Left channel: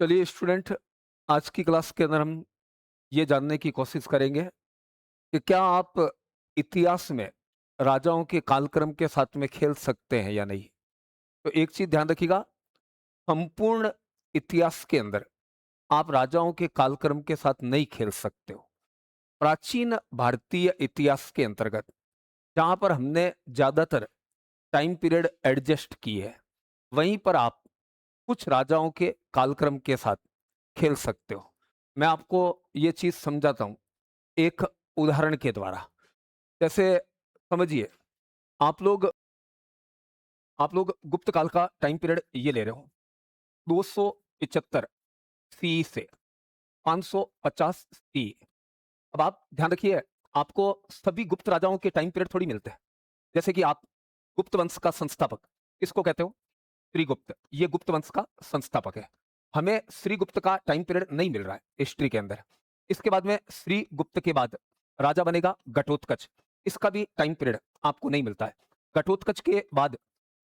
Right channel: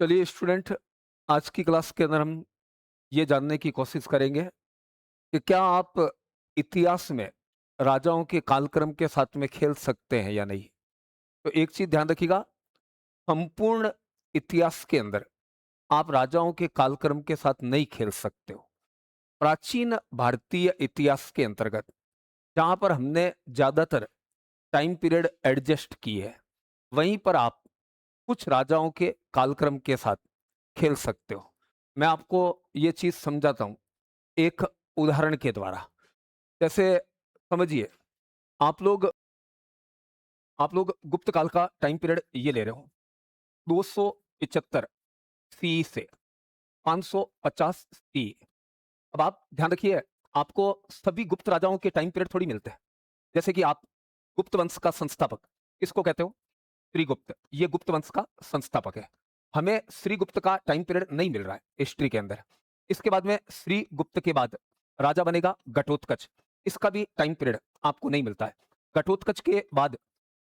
चलिए स्टूडेंट, आज की क्लास के अंदर हम ये जानने की कोशिश करेंगे कि क्या आप इतिहास में राजाओं के कालक्रम के साथ में खेल सकते हैं या नहीं। तो एक चीज ध्यान रखिएगा, संपूर्ण इतिहास के अंदर आप राजाओं के कालक्रम के साथ नहीं खेल सकते हो। प्राचीन भारतीय इतिहास के अंतर्गत जहां पर हमने ज्यादातर टाइम पीरियड एडजस्ट की है, वहीं पर आप कुछ राजाओं के कालक्रम के साथ खेल सकते हो। मैं आपको ये चीज समझाता हूं एक उदाहरण के द्वारा। जैसे समझिए, आप लोग आप लोग गुप्त काल का टाइम पीरियड ये ले रहे हो, 275 सी से 550 सी। अब आप ध्यान रखिए, आपको सभी गुप्त राजाओं के टाइम पीरियड थोड़ी मिलते हैं। जैसे कि आप गुप्त वंश का संस्थापक किसको कहते हो? श्रीगुप्त, ये गुप्त वंश का संस्थापक है। हमें श्रीगुप्त का टाइम पीरियड नहीं मिल रहा है हिस्ट्री के अंदर। इसके बाद में श्रीगुप्त के बाद राजा बनेगा घटोत्कच, इसका भी टाइम पीरियड आपको नहीं मिलता है। घटोत्कच के बाद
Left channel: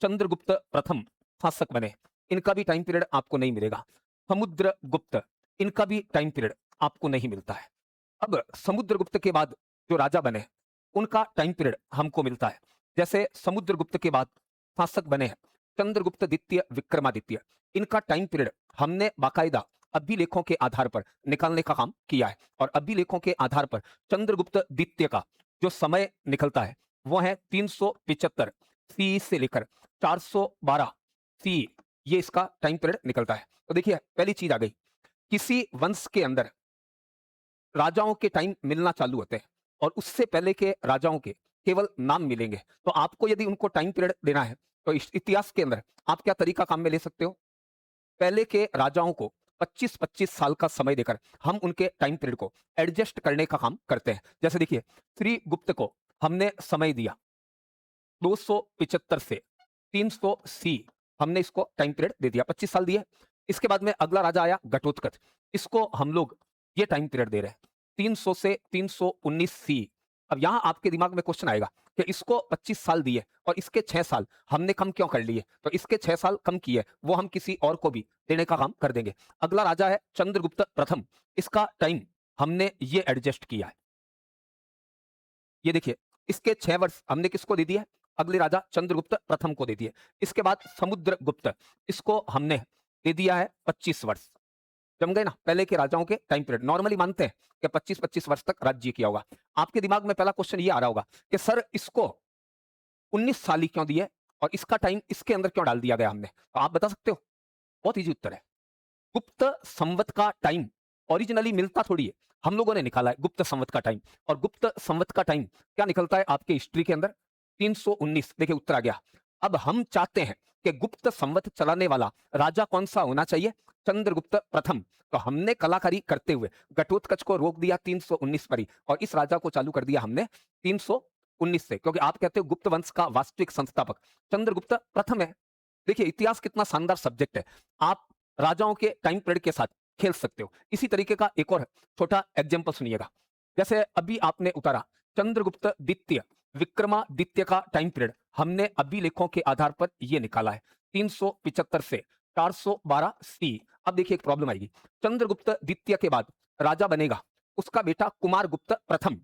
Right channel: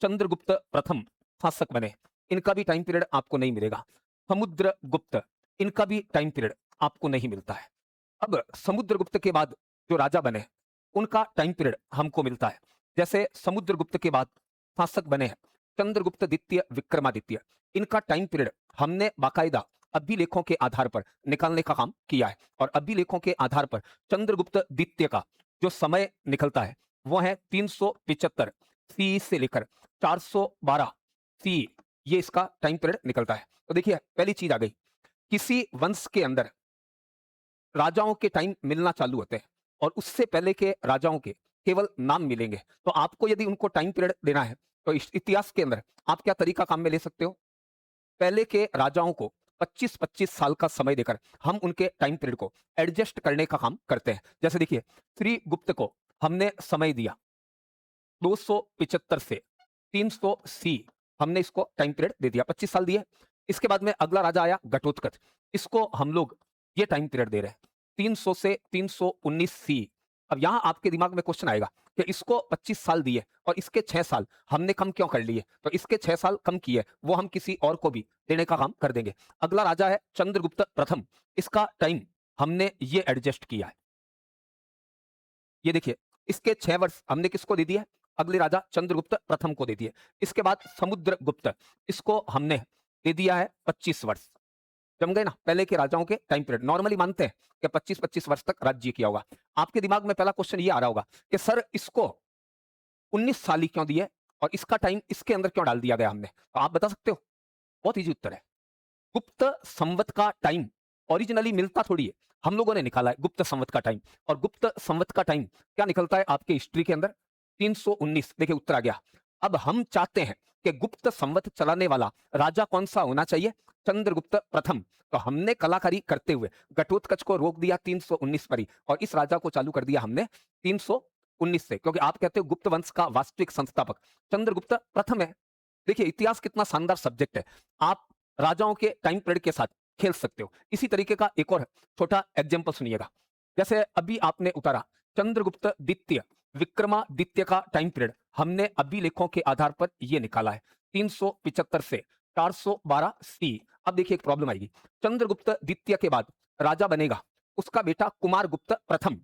चंद्रगुप्त प्रथम शासक बने, इनका भी टाइम पीरियड आपको नहीं मिलेगा। समुद्रगुप्त, इनका भी टाइम पीरियड आपको नहीं मिलता है। अब समुद्रगुप्त के बाद जो राजा बने, उनका टाइम पीरियड हमको मिलता है। जैसे समुद्रगुप्त के बाद शासक बने हैं चंद्रगुप्त द्वितीय विक्रमादित्य, इनका टाइम पीरियड हमने बाकायदा अभिलेखों के आधार पर निकालने का काम किया है। और अभिलेखों के आधार पर चंद्रगुप्त द्वितीय का जो समय निकलता है वो है 375 सी से लेकर 412 सी, ये इसका टाइम पीरियड निकलता है। तो देखिए, पहली चीज आ गई, किसी वंश के अंदर राजाओं के टाइम मिलना चालू होते हैं और उससे पहले के राजाओं के केवल नाम मिलेंगे। तो आपको यदि उनको टाइम पीरियड देना है तो इस इतिहास के अंदर आप क्या तरीका काम में ले सकते हो? पहले के राजाओं को 25-25 साल का समय देकर हम उनके टाइम पीरियड को एडजस्ट करने का काम करते हैं। जैसे देखिए, श्री गुप्त को हमने समय दिया 275 से 300 सी, हमने इसको टाइम पीरियड दे दिया, 25 साल दिए। इसके बाद में अगला राजा आया घटोत्कच, इसको हम लोग ये टाइम पीरियड दे रहे हैं 300 से 319 सी। अब यहाँ आपके दिमाग में क्वेश्चन आएगा कि इसको 25 साल दिए और इसके 6 साल हमने कम क्यों कर लिए? तो इसके 6 साल कम किए, वो हम किसी और को भी देने का काम कर देंगे। अगला राजा है चंद्रगुप्त प्रथम, इसका टाइम हमने ये एडजस्ट किया है। ये देखिए, इसके 6 वर्ष हमने किसको दे दिया? अगले राजा चंद्रगुप्त प्रथम को दे दिए। इसके बाद समुद्रगुप्त, इसको हमने दे दिया है 25 वर्ष। जम गए ना? पहले के राजाओं के टाइम पीरियड नॉर्मली मानते हैं 25-25 वर्ष तक राज्य किया होगा। आपके दिमाग में पहला क्वेश्चन ये आ रहा होगा कि सर इसको 19 साल ही क्यों दिए और इसका टाइम इसके अंदर क्यों डाल दिया गया हमने? तो आप बता सकते हो? बहुत इजी उत्तर है। गुप्त संवत का टाइम ओरिजिनली मिलता थोड़ी है, हम लोगों ने निकाला है गुप्त संवत का टाइम। और गुप्त संवत का टाइम क्या निकलता है आपके हिस्ट्री के अंदर? 319। देखिए, उत्तर आ गया। अब हम चाहते हैं कि गुप्त संवत चलाने वाला राजा कौन सा होना चाहिए? चंद्रगुप्त प्रथम। तो हमने कलाकारी करते हुए घटोत्कच को रोक दिया 319 पर ही और इस राजा को चालू कर दिया हमने 319 से, क्योंकि आप कहते हो गुप्त वंश का वास्तविक संस्थापक चंद्रगुप्त प्रथम है। देखिए, इतिहास कितना शानदार सब्जेक्ट है। आप राजाओं के टाइम पीरियड के साथ खेल सकते हो। इसी तरीके का एक और छोटा एग्जांपल सुनिएगा। जैसे अभी आपने उतारा चंद्रगुप्त द्वितीय विक्रमादित्य का टाइम पीरियड हमने अभिलेखों के आधार पर ये निकाला है 375 से 412 सी। अब देखिए, एक प्रॉब्लम आएगी। चंद्रगुप्त द्वितीय के बाद राजा बनेगा उसका बेटा कुमारगुप्त प्रथम,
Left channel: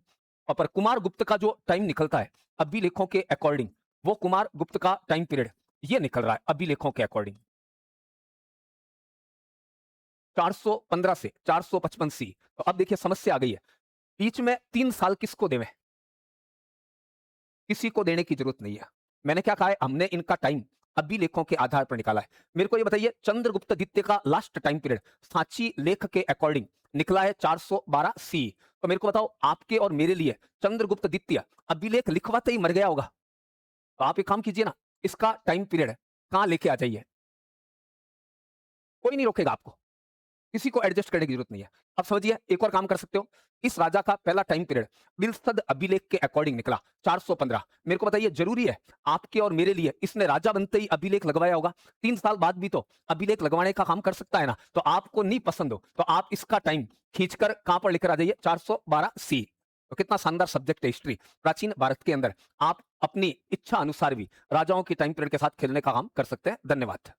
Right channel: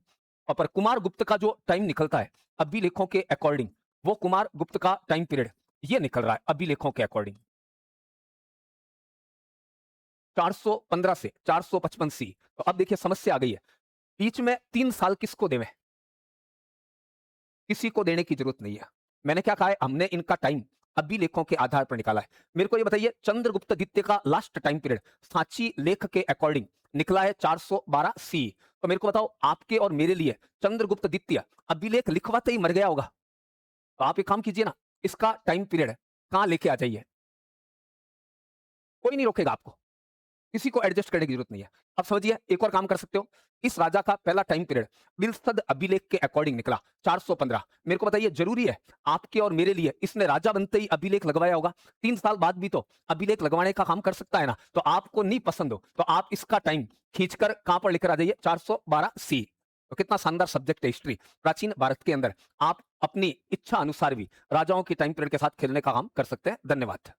पर कुमारगुप्त का जो टाइम निकलता है अभिलेखों के अकॉर्डिंग, वो कुमारगुप्त का टाइम पीरियड ये निकल रहा है अभिलेखों के अकॉर्डिंग 415 से 455 सी। तो अब देखिए, समस्या आ गई है। बीच में 3 साल किसको देवें? किसी को देने की जरूरत नहीं है। मैंने क्या कहा है? हमने इनका टाइम अभिलेखों के आधार पर निकाला है। मेरे को ये बताइए, चंद्रगुप्त द्वितीय का लास्ट टाइम पीरियड सांची लेख के अकॉर्डिंग निकला है 412 सी। तो मेरे को बताओ, आपके और मेरे लिए चंद्रगुप्त द्वितीय अभिलेख लिखवाते ही मर गया होगा। तो आप एक काम कीजिए ना, इसका टाइम पीरियड कहां लेके आ जाइए, कोई नहीं रोकेगा आपको, किसी को एडजस्ट करने की जरूरत नहीं है। अब समझिए, एक और काम कर सकते हो। इस राजा का पहला टाइम पीरियड विल्सद अभिलेख के अकॉर्डिंग निकला 415। मेरे को बताइए, जरूरी है आपके और मेरे लिए इसने राजा बनते ही अभिलेख लगवाया होगा? 3 साल बाद भी तो अभिलेख लगवाने का काम कर सकता है ना। तो आपको नहीं पसंद हो तो आप इसका टाइम खींचकर कहां पर लेकर आ जाइए? 412 सी। तो कितना शानदार सब्जेक्ट है हिस्ट्री। प्राचीन भारत के अंदर आप अपनी इच्छा अनुसार भी राजाओं के टाइम पीरियड के साथ खेलने का काम कर सकते हैं। धन्यवाद।